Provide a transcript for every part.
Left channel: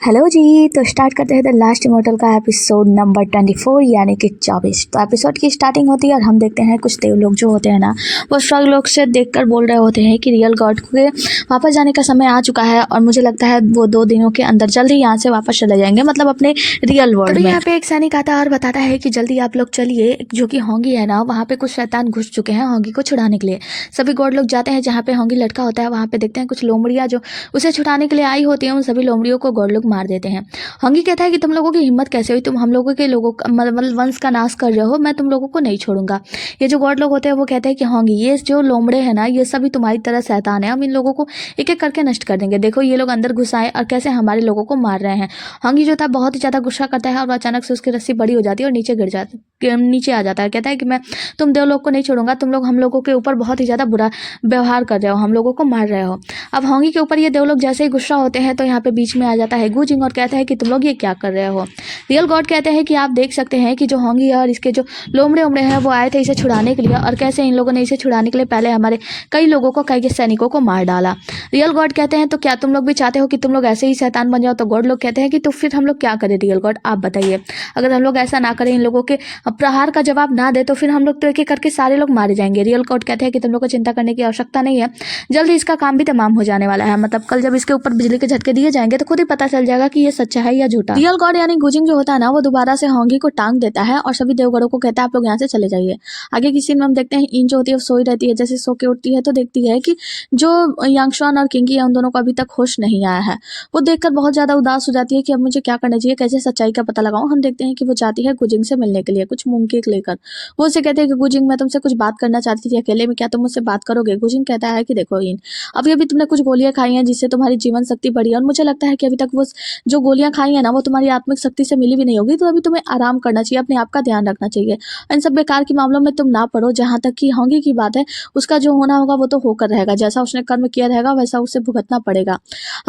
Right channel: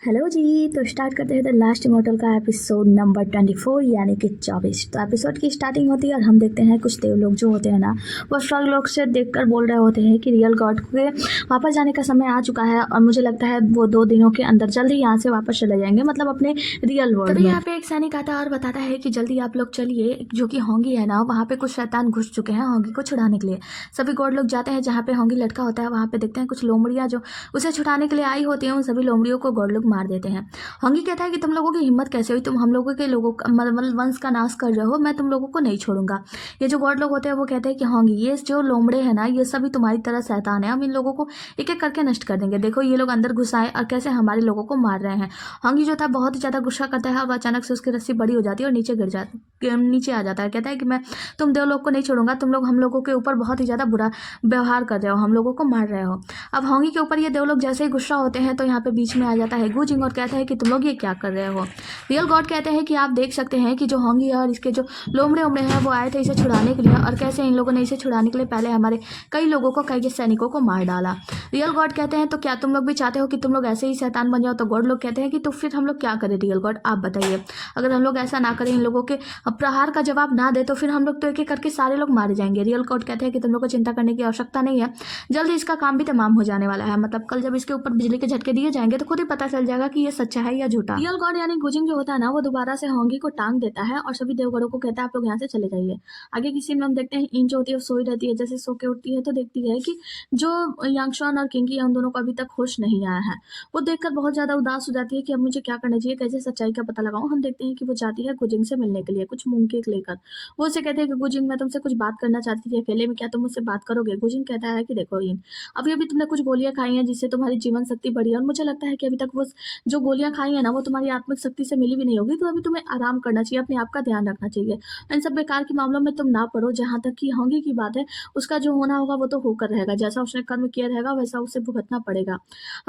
Hello जी। तो start करते हैं द लास्ट इमोर्टल का एपिसोड नंबर 24 यानी कि 24। तो एपिसोड की स्टार्टिंग होती है और हम देखते हैं कुछ देव लोग जो होते हैं ना, वो स्वर्ग लोग से देखकर बोल रहे होते हैं कि रियल गॉड के वापस जाने का समय आ चुका है और मुझे लगता है वो 2 दिनों के अंदर जल्दी यहाँ से वापस चले जाएंगे, मतलब अपने रियल वर्ल्ड में। यहाँ पे एक सैनिक आता है और बताता है कि जल्दी आप लोग चलिए, जो कि होंगी है ना, वहाँ पे कुछ शैतान घुस चुके हैं होंगी को छुड़ाने के लिए। सभी गॉड लोग जाते हैं जहाँ पे होंगी लटका होता है, वहाँ पे देखते हैं कुछ लोमड़ियाँ जो उसे छुड़ाने के लिए आई होती हैं, उन सभी लोमड़ियों को गॉड लोग मार देते हैं। हंगी कहता है कि तुम लोगों की हिम्मत कैसे हुई, तुम हम लोगों के लोगों का मतलब वंश का नाश कर रहे हो, मैं तुम लोगों को नहीं छोड़ूंगा। ये जो गॉड लोग होते हैं वो कहते हैं कि होंगी ये जो लोमड़े हैं ना, ये सभी तुम्हारी तरह शैतान है, हम इन लोगों को एक एक करके नष्ट कर देंगे। देखो ये लोग अंदर घुस आए और कैसे हमारे लोगों को मार रहे हैं। हंगी जो था बहुत ही ज्यादा गुस्सा करता है और अचानक से उसकी रस्सी बड़ी हो जाती है और नीचे आ जाता है। कहता है कि मैं तुम देव लोग को नहीं छोड़ूंगा, तुम लोग हम लोगों के ऊपर बहुत ही ज्यादा बुरा व्यवहार कर रहे हो, हम लोगों को मार रहे हो। अब होंगी के ऊपर ये देव लोग जैसे ही गुस्सा होते हैं तो यहाँ पे बीच में आ जाता है गुजिंग और कहता है कि तुम लोग ये क्या कर रहे हो। रियल गॉड कहते हैं कि आप देख सकते हैं कि जो होंगी है और इसके जो लोमड़े उमड़े हैं वो आए थे इसे छुड़ाने के लिए, और कैसे इन लोगों ने इसे छुड़ाने के लिए पहले हमारे कई लोगों को, कई सैनिकों को मार डाला। रियल गॉड कहते हैं तो क्या तुम लोग भी चाहते हो कि तुम लोग ऐसे ही शैतान बन जाओ। तो गॉड लोग कहते हैं कि तो फिर हम लोग क्या करें रियल गॉड, आप बताइए। अगर हम लोग ऐसा ना करें, इन लोगों के प्रहार का जवाब ना दे, तो फिर हम लोग तो एक एक करके सारे लोग मारे जाएंगे। रियल गॉड कहते हैं कि तुम लोग को चिंता करने की आवश्यकता नहीं है, जल्दी इसका काम भी तमाम हो जाने वाला है। मतलब कल जब इसके ऊपर बिजली के झटके दिए जाएंगे तो खुद ही पता चल जाएगा कि ये सच्चा है या झूठा। रियल गॉड यानी गुजिंग जो होता है ना, वो दोबारा से होंगी को टांग देता है और सभी देवगढ़ों को कहता है आप लोग यहाँ से चले जाइए। आगे की सीन में हम देखते हैं इन जो होती है वो सोई रहती है, जैसे सो के उठती है तो देखती है कि जो यांगशुआन और किंगी है उन दोनों को अभी तक होश नहीं आया है। वो देखकर बहुत ज्यादा उदास हो जाती है कि अब मुझे क्या करना चाहिए, कैसे सच्चाई का पता लगाऊं। हम देखते हैं कि वो जाती है गुजिंग से मिलने के लिए कुछ मूंगकेक लेकर। वो उसे कहते हैं कि गुजिंग मैं तुमसे कुछ बात करना चाहती थी अकेले में, क्या तुम मुझसे बात करोगे। गुजिंग कहता है कि देखो इन अभी अभी तुमने कुछ गोलियां खाई हैं जिससे तुम्हारी जीवन शक्ति बढ़ी है, और मुझे लगता है कि अभी तक वो जो गोलियां खाई है ना वो तुम्हारी आत्मिक शक्ति से मिली भी नहीं होगी, तो अभी तुम्हें आराम करना चाहिए, अपने आप का ध्यान रखना चाहिए। इन सब बेकार के मामलों में तुम ना पड़ो। जहां तक कि होंगी की बात है, उसका जो होना होगा वो तो होकर रहेगा, जैसा उसने कर्म किया रहेगा वैसा उसे भुगतना पड़ेगा।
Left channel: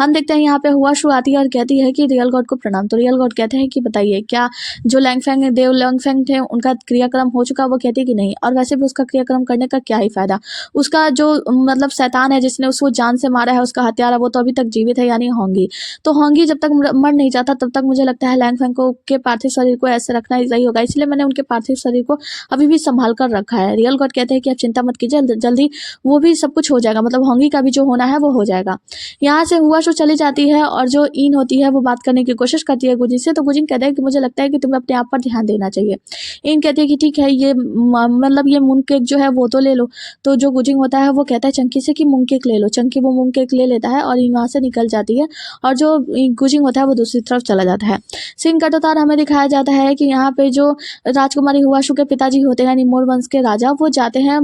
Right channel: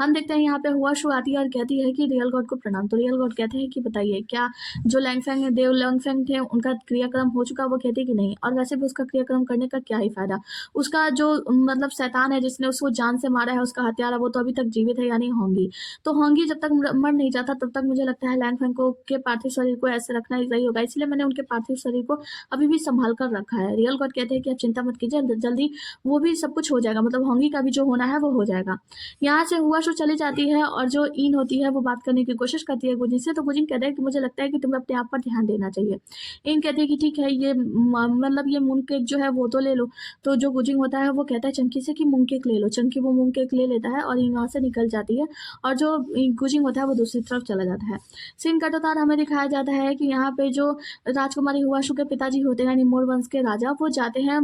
हम देखते हैं यहाँ पे हुआ शु आती है और कहती है कि रियल गॉड को प्रणाम। तो रियल गॉड कहते हैं कि बताइए क्या जो लैंगफेंग देव लैंगफेंग थे उनका क्रियाक्रम हो चुका। वो कहती है कि नहीं, और वैसे भी उसका क्रियाक्रम करने का क्या ही फायदा। उसका जो मतलब शैतान है जिसने उसको जान से मारा है, उसका हत्यारा, वो तो अभी तक जीवित है, यानी होंगी। तो होंगी जब तक मर नहीं जाता तब तक मुझे लगता है लैंगफेंग को के पार्थिव शरीर को ऐसे रखना ही सही होगा, इसलिए मैंने उनके पार्थिव शरीर को अभी भी संभाल कर रखा है। रियल गॉड कहते हैं कि आप चिंता मत कीजिए, जल्दी वो भी सब कुछ हो जाएगा, मतलब होंगी का भी जो होना है वो हो जाएगा। यहाँ से हुआ शो चली जाती है और जो इन होती है वो बात करने की कोशिश करती है गुजिन से। तो गुजिन कहते हैं कि मुझे लगता है कि तुम्हें अपने आप पर ध्यान देना चाहिए। इन कहती है कि ठीक है, ये मतलब ये मून केक जो है वो तो ले लो। तो जो गुजिंग होता है वो कहता है चंकी से कि मूंग केक ले लो। चंकी वो मूंग केक ले लेता है और इन वहाँ से निकल जाती है, और जो गुजिंग होता है वो दूसरी तरफ चला जाता है। सीन कटोतार हमें दिखाया जाता है कि यहाँ पे जो राजकुमारी हुआशु के पिताजी होते हैं निमोर वंश के राजा, वो जाते हैं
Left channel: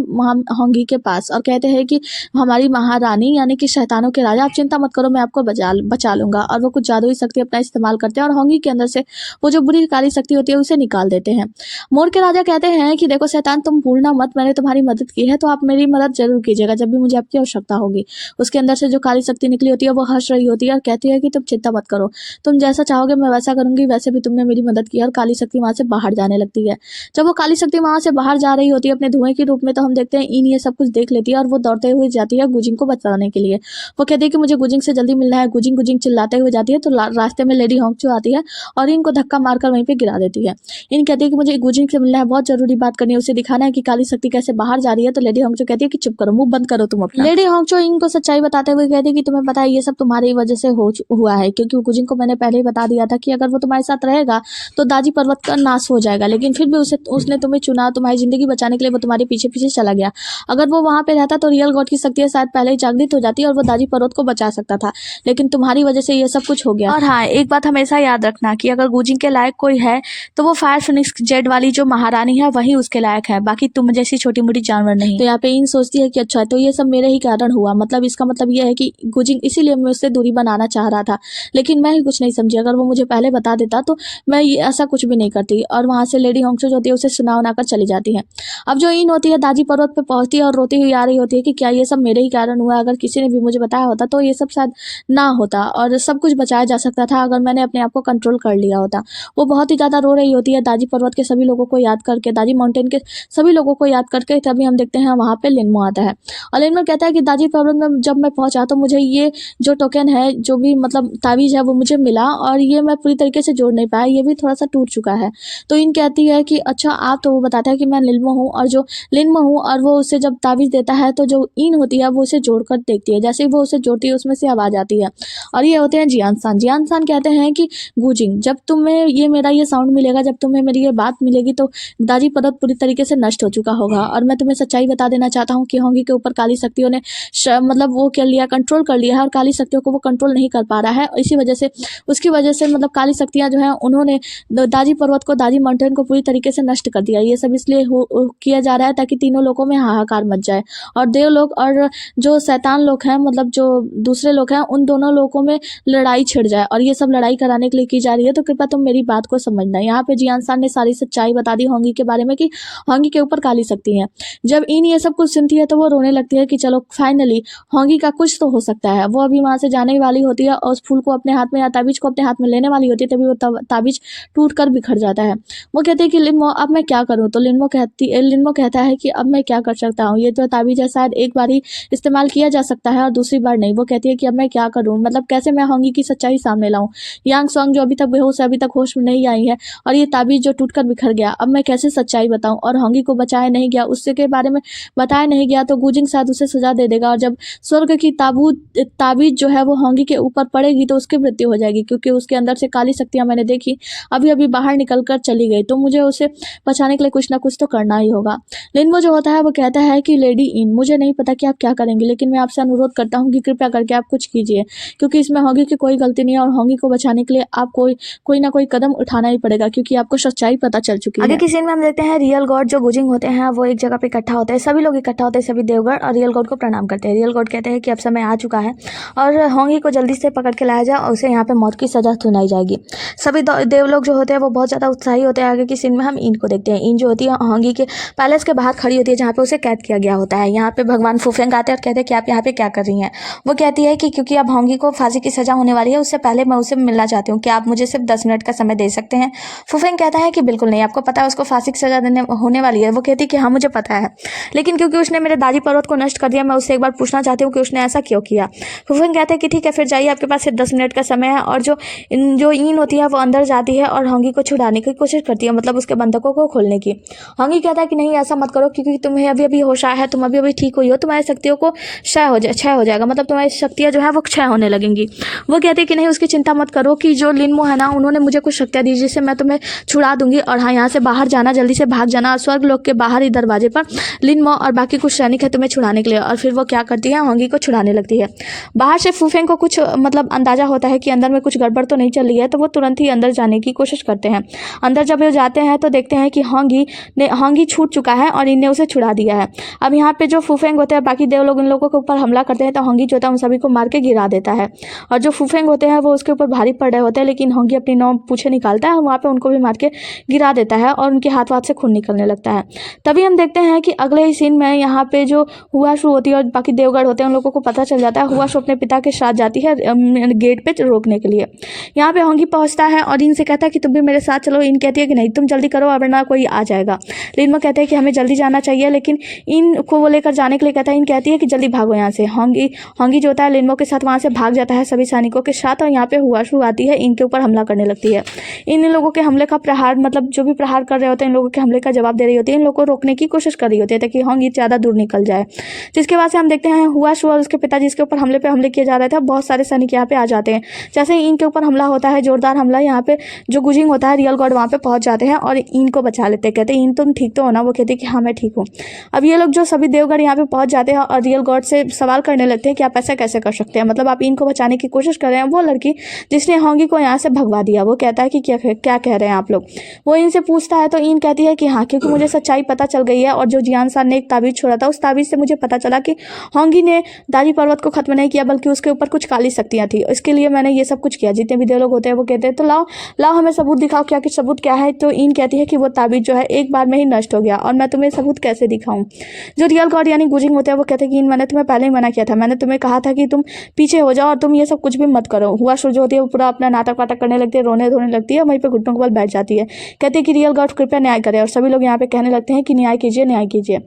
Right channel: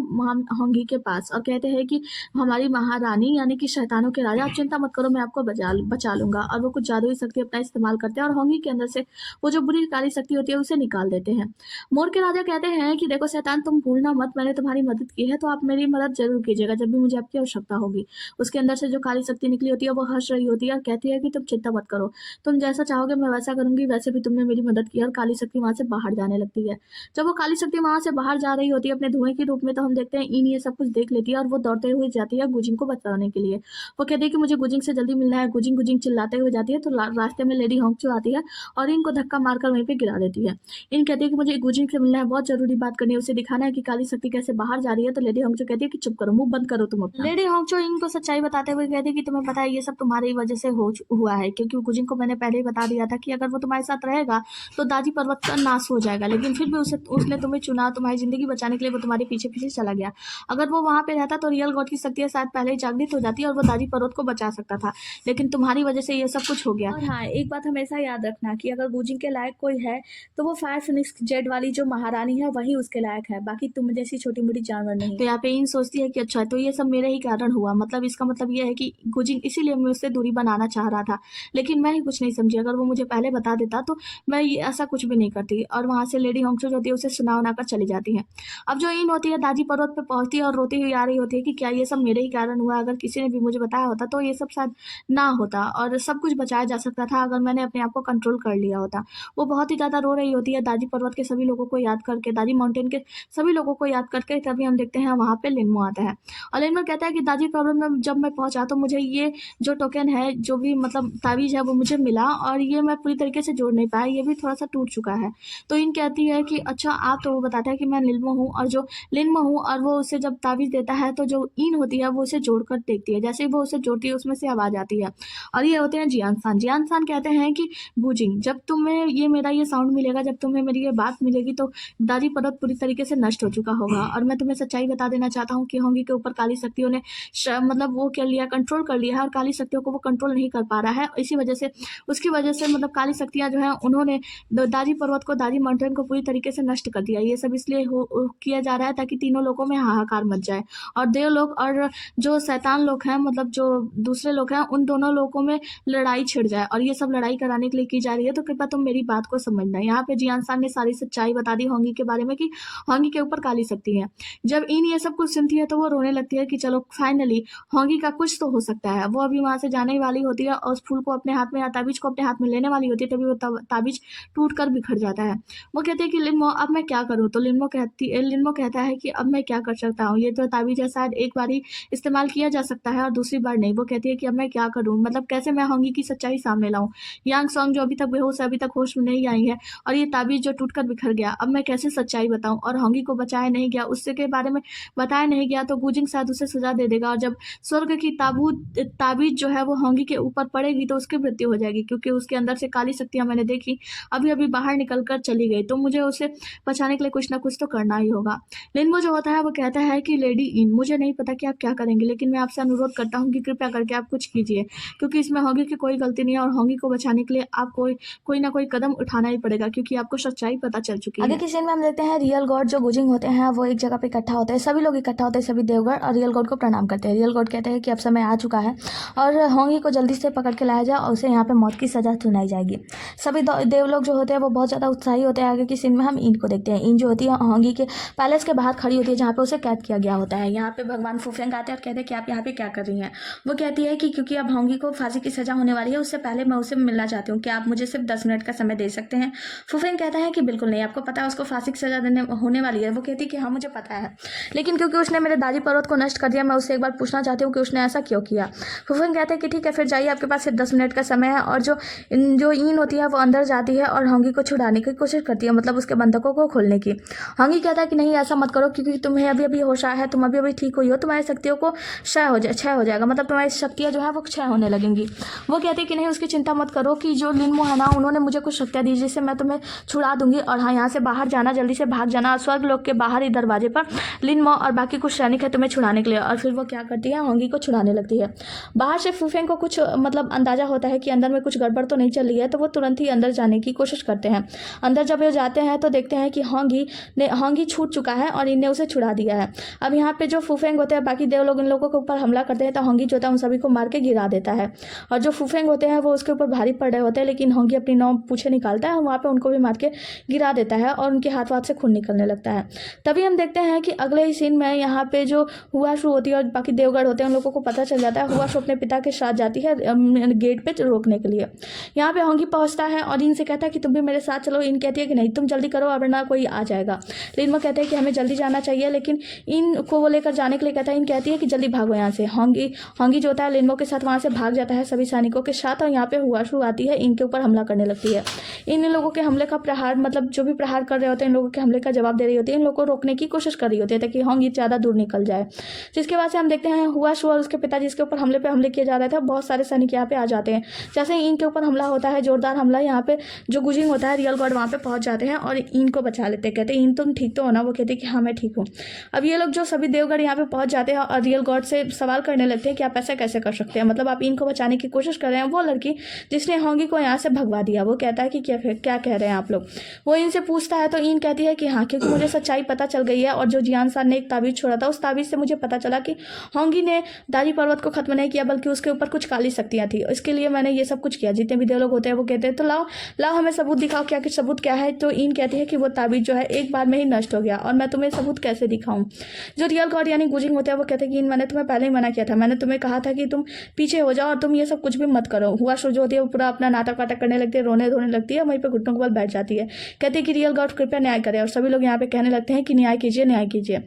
होंगी के पास और कहते हैं कि हमारी महारानी यानी कि शैतानों के राजा, आप चिंता मत करो, मैं आपको बचा लूंगा। और वो कुछ जादुई शक्ति अपना इस्तेमाल करते हैं और होंगी के अंदर से वो जो बुरी काली शक्ति होती है उसे निकाल देते हैं। मोर के राजा कहते हैं कि देखो शैतान, तुम भूलना मत, मैंने तुम्हारी मदद की है तो आप मेरी मदद जरूर कीजिएगा जब भी मुझे आपकी आवश्यकता होगी। उसके अंदर से जो काली शक्ति निकली होती है वो हंस रही होती है और कहती है कि तुम चिंता मत करो, तुम जैसा चाहोगे मैं वैसा करूंगी, वैसे भी तुमने मेरी मदद की है। और काली शक्ति वहां से बाहर जाने लगती है। जब वो काली शक्ति वहां से बाहर जा रही होती है अपने धुएं के रूप में, तो हम देखते हैं इन ये सब कुछ देख लेती है और वो दौड़ते हुए जाती है गुजिंग को बचाने के लिए। वो कहती है कि मुझे गुजिंग से जल्दी मिलना है। गुजिंग गुजिंग चिल्लाते हुए जाती है तो रास्ते में लेडी होंगचो आती है और इनको धक्का मारकर वहीं पे गिरा देती है। इन कहती है कि मुझे गुजिंग से मिलना है, बहुत जरूरी बात करनी है, उसे दिखाना है कि काली शक्ति कैसे बाहर जा रही है। तो लेडी होंगचो कहती है कि चुप करो, मुंह बंद करो तुम अपना। लेडी होंगचो इनको सच्चाई बताते हुए कहती है कि तुम्हें पता है ये सब तुम्हारी वजह से हुआ है, क्योंकि गुजिंग को मैंने पहले ही बता दिया था कि अगर वो तुम्हारे साथ रहेगा तो दाजी पर्वत का नाश हो जाएगा, लेकिन फिर भी उसने तुम्हें चुना, तुम्हारी जिंदगी बचाने के लिए वो तुम्हारे पीछे पीछे चला गया। अगर वो वहां पे रहता तो रियल गॉड की शक्ति शायद पहले ही जागृत हो जाती और वो दाजी पर्वत को बचा सकता था, लेकिन तुम्हारी वजह से ये सब कुछ हो गया। और हाँ, एक बात हमेशा याद रखना कि अगर गुजिंग के लायक कोई है तो वो फायर फिनिक्स जेड वाली जो महारानी है वही उसके लायक है, बाकी तुम जैसी छोटी मोटी जानवर नहीं। तो यहाँ पे इन सोचती है कि अच्छा तो ये सब मेरे ही कारण हुआ, मतलब इसका मतलब ये है कि गुजिंग इसीलिए मुझसे दूरी बनाना चाह रहा था, लेकिन मैं ही कुछ नहीं समझी। अगर वो मुझे पहले बता देता तो मैं ऐसा कुछ भी नहीं करती। और वहां से लेडी होंगचो जो होती है उसे सुना कर चली जाती है। अब जो इन होती है दाजी पर्वत पे पहुंचती है और रोती हुई आ रही होती है कि क्या ये सब मेरे ही कारण हुआ, अगर किसी ने भी मुझे बताया होता तो ये सब शायद ना होता और सब कुछ बचाया जा सकता था अगर मैंने अपने आप को कंट्रोल कर लिया होता। वो बहुत ही ज्यादा रो रही होती है, दाजी पर्वत के सभी सभी लोगों को याद करके, दाजी माउंटेन के सभी लोगों को याद करके तभी हम देखते हैं वहाँ पे लिनमो आता है। और लिनमो कहता है कि दाजी पर्वत में जब मैं पहुँचा तो मुझे ये जो टोकन है, जो भी मतलब ताबीज़ है वो मुझे मिला और ये मैं पूरी तरीके से जोड़ नहीं पाया, ये भी थोड़ा सा टूट चुका है। तो इन कहती है कि अच्छा आप, तो वो बताता है कि मैं लिनमो हूँ और जो लिनमो हूँ, और वो उसे जब ताबीज़ देता है तो जो इन होती है वो उसे जोड़कर देखती है। जैसे ही वो उसे जोड़ती है उसमें से आवाज़ आती है और ये होते हैं जियान सान कहते हैं कि गूजिंग, जब तुम्हें ये मेरा ये साउंड मिलेगा, जब तुम्हें मेरी ये बात मिलेगी तो दाजी पर्वत पूरी तरीके से नष्ट हो चुका होगा। और मैं तुम्हें सच्चाई बता देना चाहता हूँ कि होंगी के ऊपर काली शक्तियों ने मतलब वो कर लिया, कंट्रोल कर लिया है और काली शक्तियों को वो कंट्रोल नहीं कर पा रहा है। इसी वजह से, उसकी वजह से मतलब काली शक्तियाँ जो हैं उन्होंने दाजी पर्वत को, दाजी माउंटेन को पूरी तरीके से नष्ट कर दिया। ये सब इसलिए किया जा रहा है ताकि तीनों लोगों में हाहाकार मच जाए और देव लोग और जो शैतान लोग हैं, मतलब जो दूसरे लोग हैं, उन दोनों लोगों में लड़ाई छिड़ जाए। और ये सब लड़ाई कराने के लिए की जा रही है। तो कृपया तुम मेरी बात को समझना। यहाँ पे जियान सान ने सारी सच्चाई बता दी होंगी के बारे में कि होंगी के ऊपर काली शक्ति है। जब इन ये सब कुछ सुनती है तो वो रोने लगती है कि चलो फाइनली होंगी का कुछ तो हो सकता है। वो अभी वहाँ से जाने ही वाली होती है और उस फूल को अपने हाथ में या ताबीज को अपने हाथ में लेने वाली होती है, तभी वो ताबीज टूट कर बिखर जाता है। वो कहते हैं कि लिनमो अब मैं क्या करूँ। तो लिनमो कहता है कि अब मैं क्या कर सकता हूँ, ये जो ताबीज है शायद एक बार ही इस्तेमाल किया जा सकता है और दूसरी बार नहीं। वो कहती है कि अब मैं क्या करूँ, मतलब कैसे मैं होंगी की सच्चाई सामने लाऊं। यांग सॉन्ग जो अभी तक बेहोश है, अभी तक होश में नहीं आई है, और ये ताबीज जो टूटकर बिखर गया, अब मैं कैसे सच्चाई बताऊं। और होंगी को बचाया नहीं गया, उससे के बारे में बताया नहीं गया तो गुजिंग शायद उसे सजा दे देगा। और जब स्वर्ग की ताबीज जो है वो होंगी के ऊपर पड़ेगी तो उसकी मृत्यु हो जाएगी, क्योंकि उसके अंदर से काली शक्तियां मैंने देखी अभी अभी बाहर निकल कर चली गई। तो मुझे उसे बचाने के लिए कुछ ना कुछ तो करना ही होगा। लिनमो जो होता है वो कहता है कि लेडी इन, मुझे नहीं पता कि आप क्या करेंगे, लेकिन मैं आपसे अनुरोध करता हूँ कि कृपया करके आप कुछ कीजिए, क्योंकि इसमें होंगी की कोई गलती नहीं है और होंगी को बचाने के लिए आप कोई ना कोई कदम उठाना ही पड़ेगा, क्योंकि आपको सच्चाई पता चल चुकी है। आगे की सीन में हम देखते हैं रियल गॉड जो गुजिंग होते हैं वो एक जगह पे इकट्ठा होते हैं। सभी लोग इकट्ठा होते हैं, सभी देवगढ़, और रियल गॉड को प्रणाम करते हैं। रियल गॉड कहते हैं कि अब समय आ चुका है और होंगी को जल्दी से पकड़ के लाया जाए और उसे यहाँ पे मौत की सजा सुनाई जाएगी। सभी देवलोग जो होते हैं वो बहुत ज़्यादा उत्साही होते हैं। आगे की सीन में हम इन को देखते हैं। इन जो होती है होंगी के पैलेस के बाहर खड़ी होती है, जहाँ पे उसे कैद किया गया होता है। यहाँ पे भगवान फूफेंग आते हैं और कहते हैं कि आप यहाँ पे क्या कर रही हैं। वो कहती है कि क्योंकि अब होंगी को फांसी की सजा होने वाली है, उससे पहले मैं उसे मिलना चाहती हूँ, क्या आप मुझे सिर्फ 10 मिनट का समय दे सकते हैं। फूफेंग कहता है कि बिल्कुल नहीं, आपको पता है उसको फांसी की सजा देने होने वाली है। वो कहती है कि हाँ मुझे पता है, लेकिन क्योंकि उसने मेरे दादी पर्वत को नष्ट कर दिया, मैं उससे एक बार पूछना चाहती हूँ कि उसने ऐसा क्यों किया। फूफेंग कहते हैं कि ठीक है फिर जाइए, आपके पास सिर्फ 10 मिनट का समय है। और जो इन होती है वो अंदर जाती है और होंगी को छुड़ाने की कोशिश करती है, मतलब उसके बंधकों को खोलने की। होंगी कहता है कि नहीं ऐसा मत करो, क्योंकि तुम्हें अभी अभी होश आया है, तुम अभी अभी ठीक हुई हो, तुम्हारी शक्तियों को क्षय हो जाएगा, मतलब तुम्हारी शक्तियाँ जो है वो क्षय होने लगेंगी। वो कहते हैं कि नहीं उसकी चिंता मत करो, कि जो लिनमो है ना उन्होंने मुझे कुछ शक्तियाँ दी जिससे मैं तुम्हें छुड़ा दूंगी। और हाँ यहाँ से बाहर जाना, जल्दी से भाग जाना, स्वर्ग लोक के बाहरी दरवाजे पर लिनमो और बाकी कुछ सैनिक है तुम्हें छुड़ाने के लिए। और फिर वो क्या करती है, होंगी को छुड़ाने लगती है। बाहर से फूफेंग को कुछ मतलब अंदाजा होता है कि अंदर में कुछ गड़बड़ तो नहीं चल रही है, तो वो तुरंत ही अंदर जाने की कोशिश करते हैं। अंदर जब वो जाते हैं तो देखते हैं कि होंगी छूट चुका है और इनने उसे छुड़ा दिया है। अब यहाँ पे जो फूफेंग होते हैं बाकी देव लोग इन लोगों के ऊपर हमला करते हैं, तो होंगी जो होता है उन सभी को मार के गिरा देता है। और जो फूफेंग होते हैं वो उसके ऊपर भारी पड़ रहे होते हैं, लेकिन होंगी अपनी नौ पूछे निकालता है, वहाँ पे उनको भी मार के गिरा देता है और उनके हाथ से खून निकलने लगता है। तभी हम देखते हैं कि अगले ही सीन में यहाँ पे जो हुआशु होती है और बाकी देवगढ़ होते हैं उन लोगों को पता चल जाता है। हुआशु अपने पिता के साथ जाती है गेट पे रोकने के लिए। यहाँ पे होंगी पहुँचता है और इनसे कहता है कि तुम भी मेरे साथ चलो। इन कहती है कि नहीं तुम जल्दी करो वरना कोई आ जाएगा। लिनमो कहते हैं कि हमें जल्दी जाना चाहिए, लेकिन इनको वो लेकर जाने के लिए कहता है। इन कहती है कि जल्दी भागो यहाँ से। होंगी जो होता है लिनमो के साथ वहाँ से भाग जाता है सभी सैनिकों के साथ, और यहाँ पे हुआशु आती है, इनके ऊपर हमला करने लगती है। इन लोगों के हमले का प्रहार, मतलब जो भी प्रहार कर रहे होते हैं इन लोगों के हमले का जवाब दे रही होती है, इन लोगों को रोकने की कोशिश कर रही होती है ताकि होंगी ज़्यादा दूर निकल जाए। जिसके बाद से हम देखते हैं हुआशु और उसके पिता जिसके ऊपर हमले किए जा रहे थे, बहुत सारे सैनिक यहाँ पे आ जाते हैं। जैसे ही इनके ऊपर हमला होता है, जोरदार हमला, यहाँ पे जो गुजिंग होता है रियल गॉड वहाँ पे पहुँच जाते हैं और इनको बचा लेते हैं। कहते हैं इन तुम ठीक तो हो ना। वो कहते हैं कि हाँ मैं ठीक हूँ। अब ये लोग जो सभी देवगढ़ यहाँ पे पहुँच जाते हैं और रियल गॉड से सवाल करने लगते हैं कि आप ऐसा कैसे कर सकते हैं, मतलब आप इनको बचाने की कोशिश कर रहे हैं। वो लड़की जिसने होंगी को यहाँ से भगवा दिया, वो कहता है कि क्या कह रहे हैं आप लोग। वो इनसे पूछता है तो इन कहती है कि हाँ, क्योंकि मुझे सच्चाई पता चल गई है और जो जियान सान ने एक ताबीज छोड़ा था उस ताबीज से मुझे पता चला कि होंगी ने दाजी पर्वत को खत्म नहीं किया बल्कि उसके ऊपर कुछ काली शक्तियाँ थी। इसके लिए मैंने ये सब कुछ किया। जितने भी देव लोग होते हैं वो कहते हैं तो लाओ हमें सबूत दिखाओ, क्या कुछ सबूत क्या है। तो इन कहती है कि वो ताबीज जो है एक बार में ही नष्ट हो गया और मैं तुम्हें सबूत कैसे दिखाऊं। जो रियल गॉड यानी गुजिंग होते हैं वो कहते हैं कि मैंने तुम्हें पहले ही मना किया था, मैंने तुम्हें कहा था कि तुम पीछे हो जाओ और तुम ये सब कुछ भी मत करो। हुआशु जो होती है वो पूरा अपना नाटक वाटक करने लगती है, रोने धोने लगती है, वहीं पर घुटनों के बल बैठ जाती है। कहती है कि रियल गॉड कृपया न्याय करें, और सभी लोग यहाँ पे कहने लगते हैं कि न्याय कीजिए, न्याय कीजिए।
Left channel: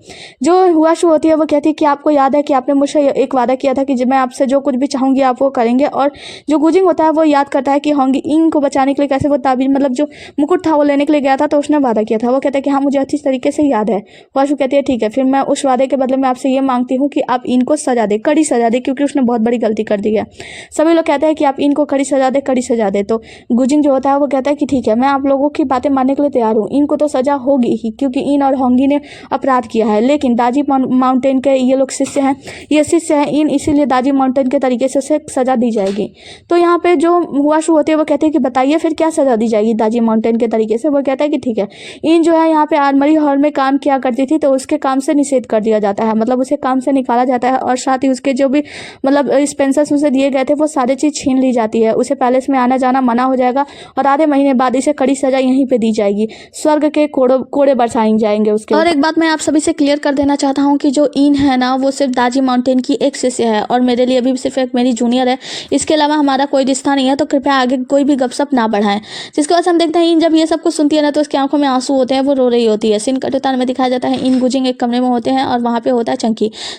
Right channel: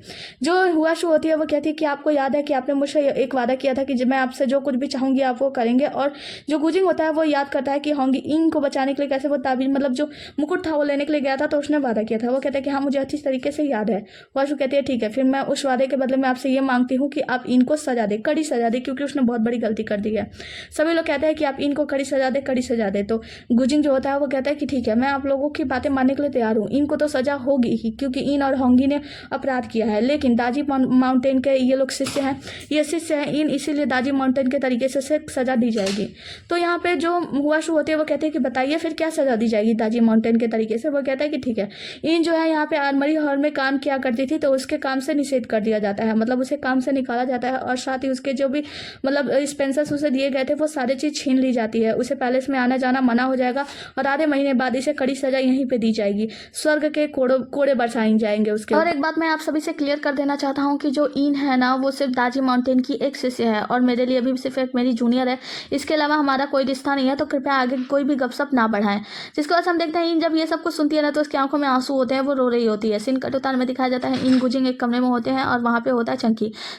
जो हुआशु होती है वो कहती है कि आपको याद है कि आपने मुझसे एक वादा किया था कि जब मैं आपसे जो कुछ भी चाहूंगी आप वो करेंगे। और जो गुजिंग होता है वो याद करता है कि होंगी इंग को बचाने के लिए कैसे वो ताबीज मतलब जो मुकुट था वो लेने के लिए गया था, तो उसने वादा किया था। वो कहता है कि हाँ मुझे अच्छी तरीके से याद है। हुआशु कहती है ठीक है, फिर मैं उस वादे के बदले में आपसे ये मांगती हूँ कि आप इनको सजा दे, कड़ी सजा दे, क्योंकि उसने बहुत बड़ी गलती कर दी है। सभी लोग कहते हैं कि आप इनको कड़ी सजा दे, कड़ी सजा दे। तो गुजिंग जो होता है वो कहता है कि ठीक है, मैं आप लोगों की बातें मानने के लिए तैयार हूँ, इनको तो सजा होगी ही क्योंकि इन और होंगी ने अपराध किया है, लेकिन दाजी माउंटेन के ये लोग शिष्य हैं, ये शिष्य हैं इन, इसीलिए दाजी माउंटेन के तरीके से सजा दी जाएगी। तो यहाँ पे जो हुआशु होती है वो कहते हैं कि बताइए फिर क्या सजा दी जाएगी दाजी माउंटेन के तरीके से। वो कहता है कि ठीक है, इन जो है यहाँ पे आर्मरी हॉल में काम किया करती थी, तो उसके काम से निषेध कर दिया जाता है, मतलब उसे काम से निकाला जाता है, और साथ ही उसके जो भी मतलब एक्सपेंसेस उसे दिए गए थे वो सारी चीज छीन ली जाती है, उसे पैलेस में आना जाना मना हो जाएगा, और आधे महीने बाद इसे कड़ी सजा यहीं पे दी जाएगी, स्वर्ग के कोड़े बरसाए जाएंगे उसके। और एक बात मैं आप सभी से क्लियर कर देना चाहता हूँ कि जो इन है ना वो सिर्फ दाजी माउंटेन की एक शिष्य है, और मेरे लिए भी सिर्फ एक मेरी जूनियर है, इसके अलावा हमारा कोई रिश्ता नहीं है, तो कृपया आगे कोई भी गपशप ना बढ़ाएं। जिसके बाद हम देखते हैं इन जब ये सब कुछ सुनती है ना तो उसकी आंखों में आंसू होते हैं, वो रो रही होती है। सीन कट उतार में दिखाया जाता है इन गुजिंग एक कमरे में होते हैं, और वहाँ पे होता है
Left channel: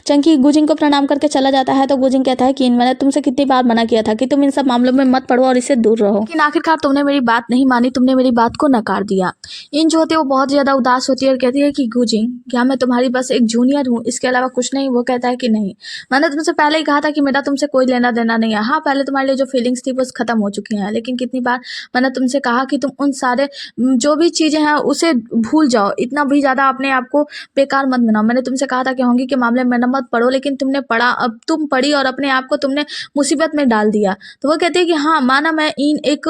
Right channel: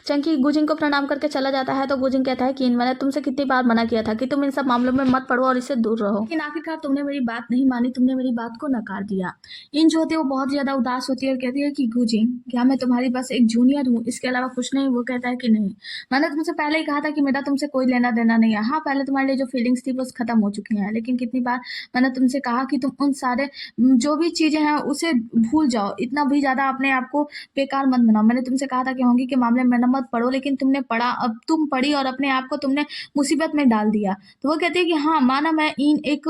चंकी गुजिंग को प्रणाम करके चला जाता है। तो गुजिंग कहता है कि इन मैंने तुमसे कितनी बार मना किया था कि तुम इन सब मामलों में मत पड़ो और इससे दूर रहो, लेकिन आखिरकार तुमने मेरी बात नहीं मानी, तुमने मेरी बात को नकार दिया। इन जो होती है वो बहुत ज्यादा उदास होती है और कहती है कि गुजिंग क्या मैं तुम्हारी बस एक जूनियर हूँ, इसके अलावा कुछ नहीं। वो कहता है कि नहीं, मैंने तुमसे पहले ही कहा था कि मेरा तुमसे कोई लेना देना नहीं है। हाँ पहले तुम्हारे लिए जो फीलिंग्स थी वो खत्म हो चुकी हैं, लेकिन कितनी बार मैंने तुमसे कहा कि तुम उन सारे जो भी चीजें हैं उसे भूल जाओ, इतना भी ज्यादा अपने आप को बेकार मत बनाओ। मैंने तुमसे कहा था कि होंगी के मामले में न मत पढ़ो, लेकिन तुमने पढ़ा, अब तुम पढ़ी और अपने आप को तुमने मुसीबत में डाल दिया। तो वो कहती है कि हाँ माना मैं इन एक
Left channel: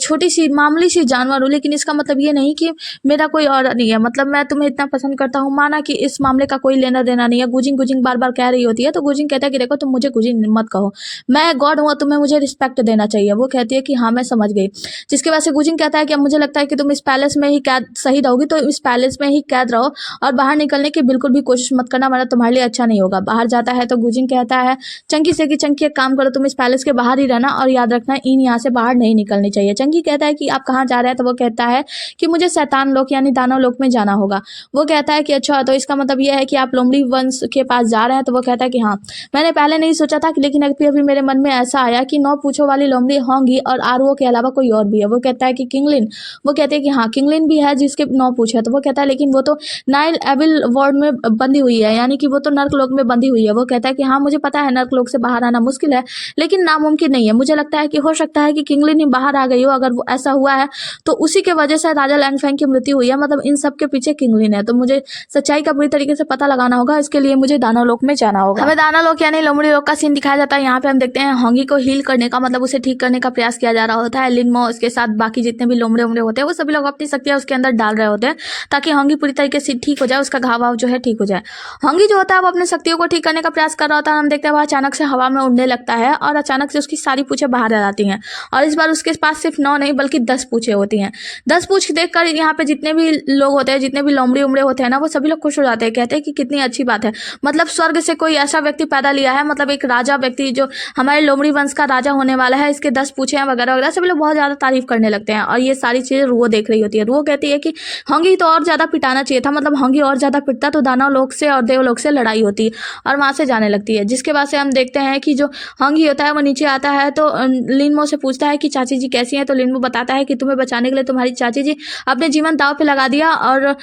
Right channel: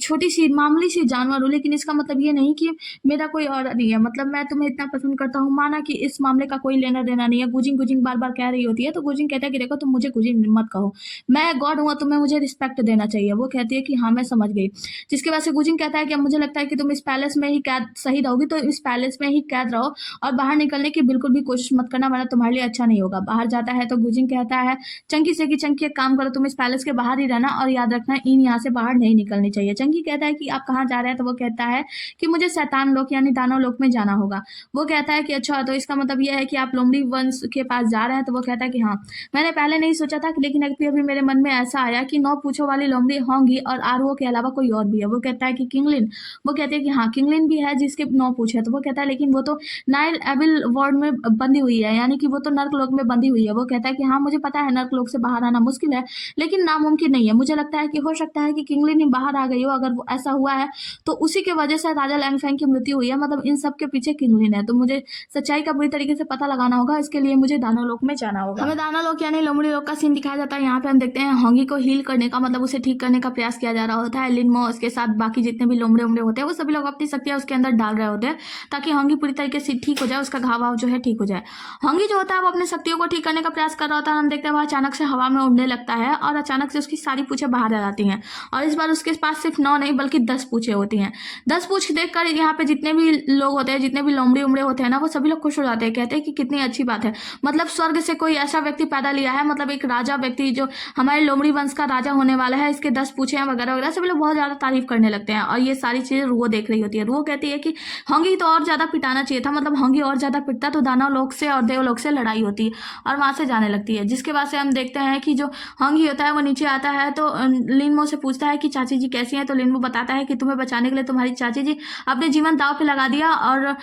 छोटी सी मामूली सी जानवर हूँ, लेकिन इसका मतलब ये नहीं कि मेरा कोई और नहीं है, मतलब मैं तुम्हें इतना पसंद करता हूँ, माना कि इस मामले का कोई लेना देना नहीं है। गुजिंग गुजिंग बार बार कह रही होती है, तो गुजिंग कहता है कि देखो तुम मुझे गुजिंग मत कहो, मैं गॉड हूँ, तुम्हें मुझे रिस्पेक्ट देना चाहिए। वो कहती है कि हाँ मैं समझ गई। जिसके वजह से गुजिंग कहता है कि अब मुझे लगता है कि तुम इस पैलेस में ही कैद सही रहोगी, तो इस पैलेस में ही कैद रहो और बाहर निकलने की बिल्कुल भी कोशिश मत करना, वरना तुम्हारे लिए अच्छा नहीं होगा। बाहर जाता है तो गुजिंग कहता है चंकी से कि चंकी एक काम करो, तुम इस पैलेस के बाहर ही रहना और याद रखना इन यहाँ से बाहर नहीं निकलनी चाहिए। चंकी कहता है कि आप कहाँ जा रहे हैं, तो वो कहता है कि मुझे शैतान लोक यानी दानव लोक में जाना होगा। वो कहता है कि अच्छा तो इसका मतलब यह है कि आप लोमड़ी वंश के पास जा रहे हैं। तो वो कहता है कि हाँ मैंने पहले नहीं सोचा था, लेकिन अभी मेरे मन में ऐसा आया कि 9 पूछो वाली लोमड़ी होंगी और आरओ के अलावा कोई और भी है। वो कहता है कि किंगलिन। वो कहते हैं कि हाँ किंगलिन भी है जिसके 9 पूछ है। तो वो कहता है लेकिन वो तो नाइल एविल वर्ल्ड में बंधी हुई है, यानी कि वो तो नर्क लोक में बंधी हुई है। वो कहता है कि हाँ मुझे पता है नर्क लोक से बाहर आना मुश्किल है, लेकिन नामुमकिन नहीं है। मुझे लगता है कि हो सकता है कि किंगलिन ही बाहर आ गई हो। अगर वो ऐसा हुआ है तो उसी के वजह से राजा लैंगफेंग की मृत्यु हुई है, मतलब इन सब के पीछे किंगलिन है। तो मुझे सच्चाई का पूरी तरीके से पता लगाना होगा, इसके लिए मुझे दानव लोक में जाना होगा। हमें दानव लोक यानी लोमड़ी लोक का सीन दिखाया जाता है। यहाँ पे हम देखते हैं होंगी को हील करने का मतलब उसे ठीक करने का प्रयास किया जा रहा होता है। लिनमो उसके साथ बाकी जितने भी लोमड़े उमड़े होते हैं वो सभी लोग अपनी शक्तियां उसके अंदर डाल रहे होते हैं ताकि होंगी पूरी तरीके से ठीक हो जाए, उसका घाव वाव जो है ठीक हो जाए। होंगी जो होता है वो अपनी शक्तियों को ठीक करने का प्रयास कर रहा होता है। हम देखते हैं वो अचानक से हवा में उड़ने लगता है और अचानक से उसकी सारी पूछें बाहर आ जाती हैं, और इस बार उसके पास सिर्फ 9 नहीं बल्कि 10 पूछें होती हैं। 10 पूछ देखकर यहाँ पे जितने भी लोग होते हैं, जितने भी लोमड़ी उमड़े होते हैं ना, वो सभी लोग खुश हो जाते हैं, कहते हैं कि कितनी अच्छी बात है, मतलब स्वर्ग से कोई ऐसा व्यक्ति पैदा लिया है, मतलब एक राजा व्यक्ति जो हमारे लोमड़ी वंश का राजा होने वाला है, इसके 10 पूछे हैं वगैरह वगैरह। सभी लोग बहुत ज्यादा तारीफ करने लगते हैं, और ये सारी चीजें रुओ देख रही होती है। रुओ कहती है कि होंगी तो और ज्यादा पिटाना चाहिए था, मतलब होंगी और ज्यादा पिटता तो दानव लोक से और देवलोक से लड़ाई होती, और वहां से जाने लगती है। जिसके बाद से हम देखते हैं कि जो होंगी होता है वो नीचे आता है तो लिनमो से पूछता है कि चाची जी कैसी हैं। तो लिनमो बताता है कि तुम्हें बचाने के लिए तुम्हारी चाची जी अपने जीवन दांव पे लगा दिया, और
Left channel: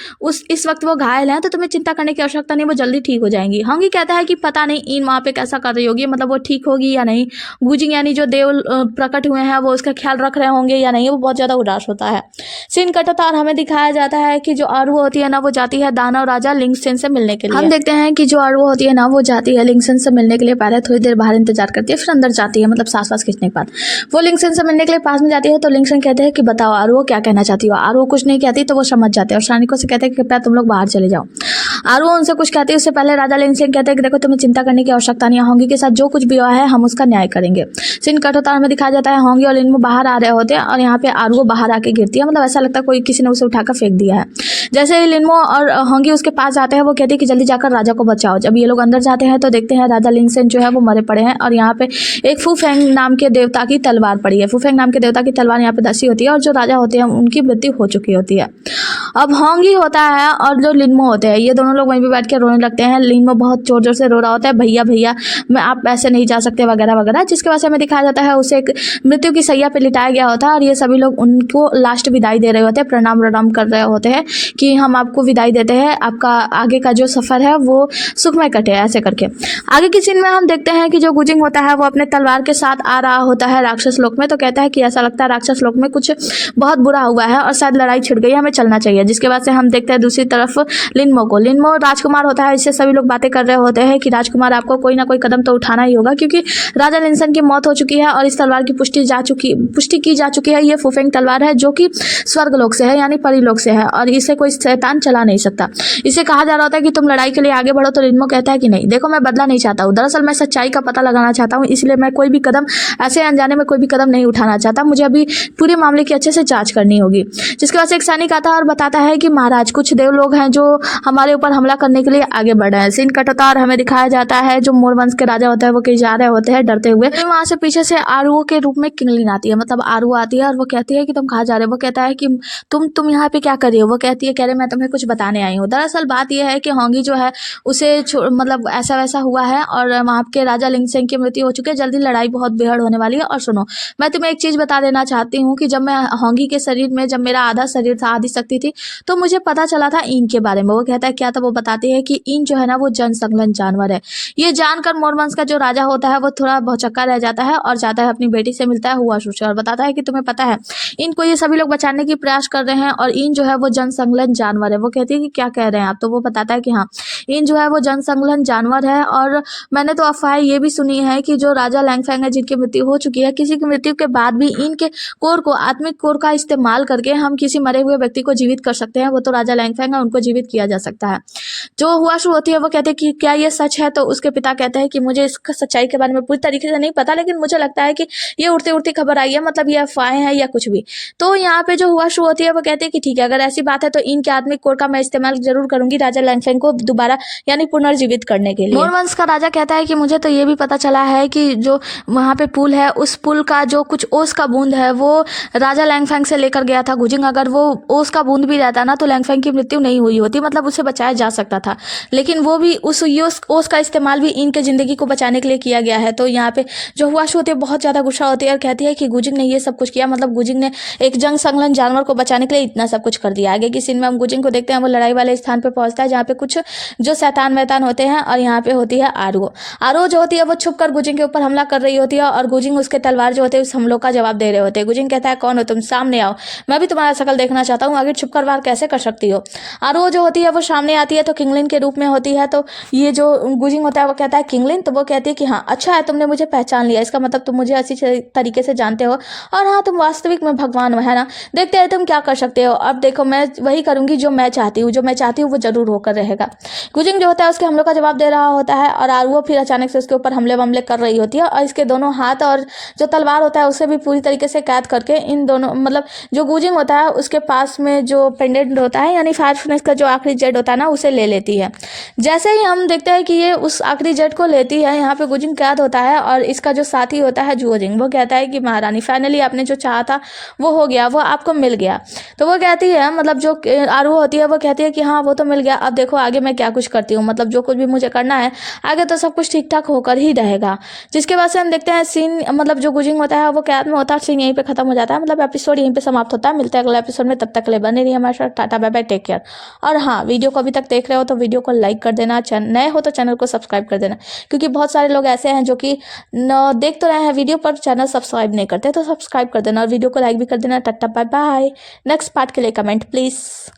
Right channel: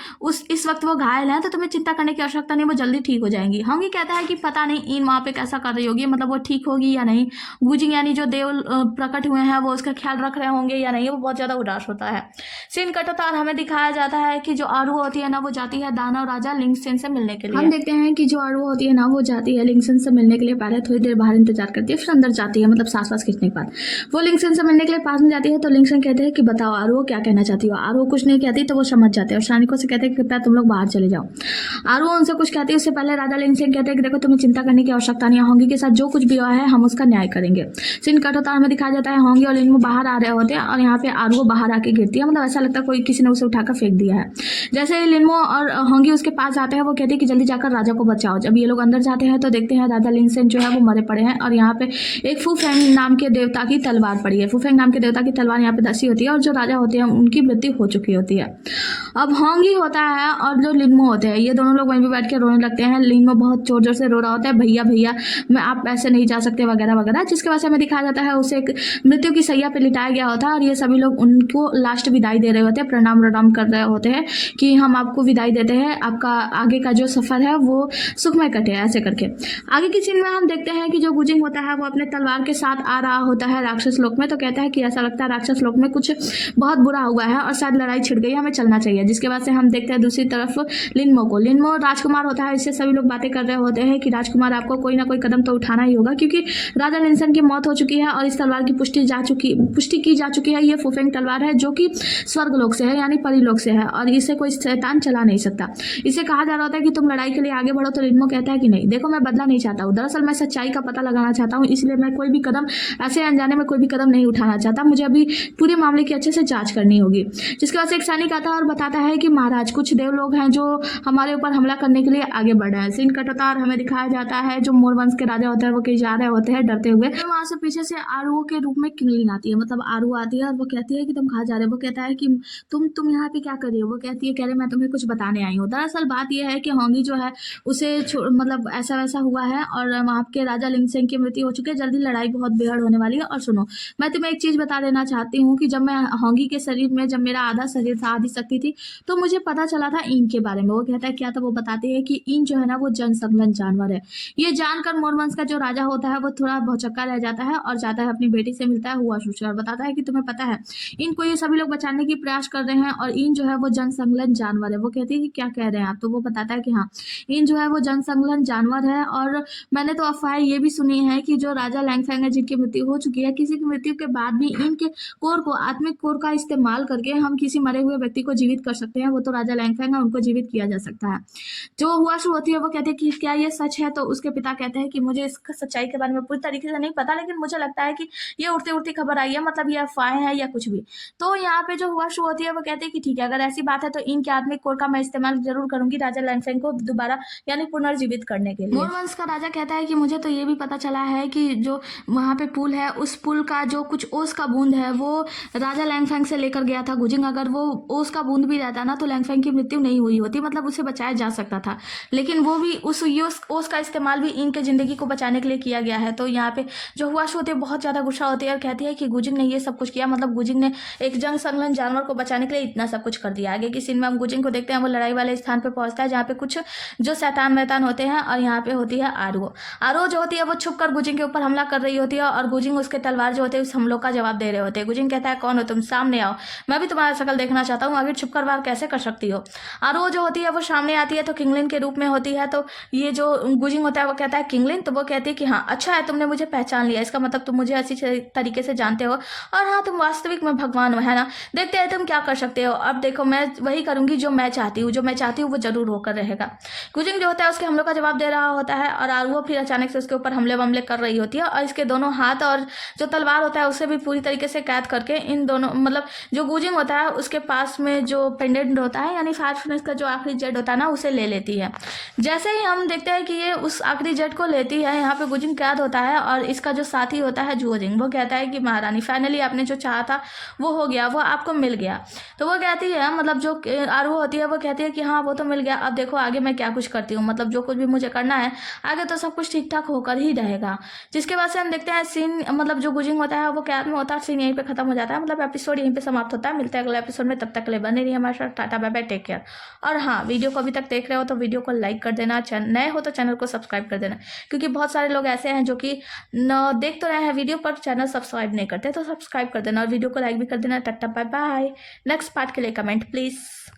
इस वक्त वो घायल है, तो तुम्हें चिंता करने की आवश्यकता नहीं, वो जल्दी ठीक हो जाएंगी। होंगी कहता है कि पता नहीं इन वहां पे कैसा कर रही होगी, मतलब वो ठीक होगी या नहीं। गुजिंग यानी जो देव प्रकट हुए हैं वो उसका ख्याल रख रहे होंगे या नहीं। वो बहुत ज्यादा उदास होता है। सीन कट होता है और हमें दिखाया जाता है कि जो आरू होती है ना वो जाती है दानव राजा लिंगसेन से मिलने के लिए। हम देखते हैं कि जो आरू होती है ना वो जाती है लिंगसेन से मिलने के लिए, पहले थोड़ी देर बाहर इंतजार करती है, फिर अंदर जाती है, मतलब सांस वास खींचने के बाद वो लिंगसेन से मिलने के लिए पास में जाती है। तो लिंगसेन कहते हैं कि बताओ आरू क्या कहना चाहती हो। आरू कुछ नहीं कहती, तो वो समझ जाते हैं और सैनिकों से कहते हैं कि कृपया तुम लोग बाहर चले जाओ। आरू उनसे कुछ कहती है, उससे पहले राजा लिंगसेन कहते हैं कि देखो तुम्हें चिंता करने की आवश्यकता नहीं है, होंगी के साथ जो कुछ भी हुआ है हम उसका न्याय करेंगे। सीन कट होता है, हमें दिखाया जाता है होंगी और लिनमो बाहर आ रहे होते हैं, और यहाँ पे आरू बाहर आके गिरती है, मतलब ऐसा लगता है कोई किसी ने उसे उठाकर फेंक दिया है। जैसे ही लिनमो और होंगी उसके पास जाते हैं वो कहते हैं कि जल्दी जाकर राजा को बचाओ। जब ये लोग अंदर जाते हैं तो देखते हैं राजा लिंगसेन जो है वो मरे पड़े हैं, और यहाँ पे एक फूफेंग नाम के देवता की तलवार पड़ी है। फूफेंग नाम के देवता की तलवार यहाँ पे धसी होती है, और जो राजा होते हैं उनकी मृत्यु हो चुकी होती है। अब होंगी होता है और जो लिनमो होते हैं, ये दोनों लोग वहीं पे बैठ के रोने लगते हैं। लिनमो बहुत जोर जोर से रो रहा होता है, भैया भैया मैं आप ऐसे नहीं जा सकते वगैरह वगैरह, जिसके वजह से हमें दिखाया जाता है उसे एक मृत्यु की सैया पे लिटाया गया होता है और ये सभी लोग उनको लास्ट विदाई दे रहे होते हैं, प्रणाम प्रणाम कर रहे होते हैं कि हम आपको विदाई देते हैं, आपका आगे का जो सफ़र है वो सुखमय कटे, ऐसे करके। आगे की सीन में हम देखते हैं कि जो गुजिंग होता है वो अपने तलवार के साथ आ रहा होता है राक्षस लोक में, तो कहता है कि ऐसा लगता है राक्षस लोक में कुछ बहुत बुरा हुआ है और शायद लड़ाई छिड़ गई है, हमें चलना चाहिए। जिसके बाद से हम देखते हैं दूसरी तरफ लिनमो को। लिनमो राजकुमार होता है, इससे सभी लोग बातें कर रहे होते हैं कि राजकुमार आपको कोई ना कोई कदम तो उठाना ही होगा, क्योंकि राजा लिनसन की मौत हो चुकी है और इस तलवार की पुष्टि की जा चुकी है। ये फुफेंग तलवार है जो कि स्वर्गलोक से है, यानी परिलोक से है, और इसे कोई शैतान चला नहीं सकता। इसे कहा जा रहा होता है कि तुम लड़ाई के लिए आगे बढ़ो, तो लिनमो कहता है कि नहीं, देखो मैं बदला नहीं चाहता हूँ, दरअसल मैं सच्चाई का पता लगाना चाहता हूँ, इसलिए मैं कोई भी कदम ऐसे अनजाने में कोई भी कदम नहीं उठाना चाहता, मुझे अभी पूरे मामले की अच्छे से जांच करनी होगी। जिसके बाद से एक सैनिक आता है और बताता है कि महाराज कुछ देव लोग हैं जो हमारे ऊपर हमला करने के लिए आगे बढ़ रहे हैं। सीन कट होता है और हमें दिखाया जाता है जो मोर वंश के राजा होते हैं वो कहीं जा रहे होते हैं डरते हुए। वहां से पीछे से आरुओ के रूप में किंगलिन आती है, मतलब आरुओ आती है और वो कहती है कि तुम कहाँ जा रहे हो। वो कहता है कि तुम यहाँ पे क्या कर रही हो। वो कहती है कह रहे मैं तुम्हें कुछ बताने आई हूँ। दरअसल बात यह है कि होंगी जो है उसे मतलब ऐसा वैसा हुआ है और वहाँ के राजा लिंगसेंग की मृत्यु हो चुकी है, जल्दी लड़ाई बहुत बेहद होने वाली है। और सुनो, मैं तुम्हें एक चीज़ बता देना चाहती हूँ कि जब मैं होंगी के शरीर में, जब मेरा आधा शरीर था, आधी शक्ति थी, तो मुझे पता चला था ईन के बारे में। वो कहता है क्या था। वो बताती है कि ईन जो है ना वो जनसंलग्न जानवर है। ये जानकर मोरवंश का जो राजा होता है वो थोड़ा भौचक्का रह जाता है और जाता है अपनी बेटी से मिलता है हुआशु से और बताता है कि तुम्हें पता है इनको ये सभी लोग बचाने की प्रयास कर रहे हैं और ईन जो है वो जनसंलग्न जानवर है। वो कहती है कि क्या कह रहे हैं आप। तो वो बताता है कि हाँ, ईन जो है वो जनसंलग्न जानवर है और मैंने तो अफवाह ये भी सुनी है कि जो राजा लैंगफैंग है जिनकी मृत्यु हो चुकी है, किसी की मृत्यु के बाद भी इनके कोर को, आत्मिक कोर का इस्तेमाल करके हम किसी मरे हुए व्यक्ति को जीवित कर सकते हैं। वो तो राजा लैंगफैंग है, उनको जीवित किया जा सकता है। जो हुआशु होती है वो कहते हैं कि क्या ये सच है। तो उसके पिता कहते हैं कि मुझे इसका सच्चाई के बारे में पूरी तरीके से नहीं पता, लेकिन मुझे लगता है कि ये उड़ती उड़ती खबर आई है, मतलब ये अफवाहें हैं या कुछ भी। तो यहाँ पे जो हुआशु होती है वो कहते हैं कि ठीक है, अगर ऐसी बात है तो इनके आत्मिक कोर का मैं इस्तेमाल जरूर करूंगी राजा लैंगफैंग को दोबारा यानी पुनर्जीवित करने के लिए। मोरवंश का राजा कहता है कि मुझे तो ये भी पता चला है कि जो वहाँ पे पुल है, उस पुल का जो कुछ ओस का बूंद है वो राजा लैंगफैंग से लेकर गया था गुजिंग। अगर वो ओस का बूंद भी रहता ना तो लैंगफैंग की मृत्यु नहीं हुई होती, मतलब उसे बचाया जा सकता था। लेकिन वो भी उस ओस का इस्तेमाल भी इनके जिंदगी को बचाने के लिए किया गया है। तो यहाँ पे जो हुआशु होती है बहुत ज़्यादा गुस्सा होती है और कहती है कि गुजिंग ने ये सब कुछ किया, मतलब गुजिंग ने एक जंग संलग्न जानवर को बचाने के लिए इतना सब कुछ कर दिया। आगे की सीन में हम गुजिंग को देखते हैं, वो लड़ाई वाले स्थान पर पहुंचता है जहाँ पे कुछ जो शैतान वैतान होते हैं और यहाँ पे होती है आरुओ। आरुओ जो होती है वो छुप कर गुजिंग के ऊपर हमला कर रही होती है और गुजिंग उसके तलवार जो होते हैं उस हमलों का जवाब दे रहे होते हैं। गुजिंग कहता है कौन हो तुम, सामने आओ, मैं भी तुम्हारा शकल देखना चाहता हूँ, आगे छुप कर वार कैसे कर सकती हो। आरुओ जो होती है वो सामने आती है तो किंगलिन के रूप में होती है। तो ये जो गुजिंग होता है वो कहता है किंगलिन। तो वो कहती है कि हाँ अच्छा है, तुमने मुझे पहचान लिया, इसका मतलब तुम मुझे अच्छी तरीके से जानते हो और हाँ तुम वास्तविक में भगवान हो, है ना, देखते हैं तुम क्या कर सकते हो। अब देखो मैं वही करूंगी जो मैं चाहती हूँ, जो मैं चाहती हूँ वो जरूर होकर रहेगा। गुजिंग जो होता है उसके हमलों का जवाब दे रहा होता है और आरुओ फिर अचानक से उसके ऊपर हमले वमले कर रही होती है और इसके दोनों हाथ और जो तलवार होता है उसे भी पूरी तरीके से कैद करके इन दोनों, मतलब जो गुजिंग होता है उसके पास में जो पेंडेंट होता है यानी फायर फिनिश का जो आखिरी जेड होता है ना उसे ले लेती है। जैसे ही हम देखते हैं कि ये उस आखिरी जेड को लेती है, यहाँ पे गुजिंग कैद होता है और इसका जो साथी होता है जुओजिंग वो कहता है कि महारानी फाइनली आपने जो चाहा था वो हो गया, वो आपको मिल गया। तो वो कहती है, मतलब जो आरुओ होती है वो कहती है कि हाँ वो तो मिल गया, अब देखो आगे मैं क्या कुछ करती हूँ, मतलब जो कुछ भी मुझे करना है आगे तो सब कुछ ठीक ठाक होकर ही रहेगा। जिसके बाद से हम देखते हैं सीन, मतलब जो गुजिंग होता है वो कैद में होता है, सीन यहीं पे खत्म हो जाता है, मतलब एपिसोड यहीं पे समाप्त होता है। मिलते हैं अगले एपिसोड में, तब तक के लिए बने रहिए हमारे साथ। Tata bye bye, take care. और हाँ, वीडियो को अभी तक देख रहे हो तो वीडियो को लाइक कर देना, नए हो तो चैनल को सब्सक्राइब कर देना, क्योंकि बहुत सारे लोग ऐसे हैं जो कि देख तो रहे हैं वीडियो पर चैनल सब्सक्राइब नहीं करते, तो सब्सक्राइब कर देना और वीडियो को लाइक भी कर देना। Tata bye bye. Next part के लिए कमेंट प्लीज़।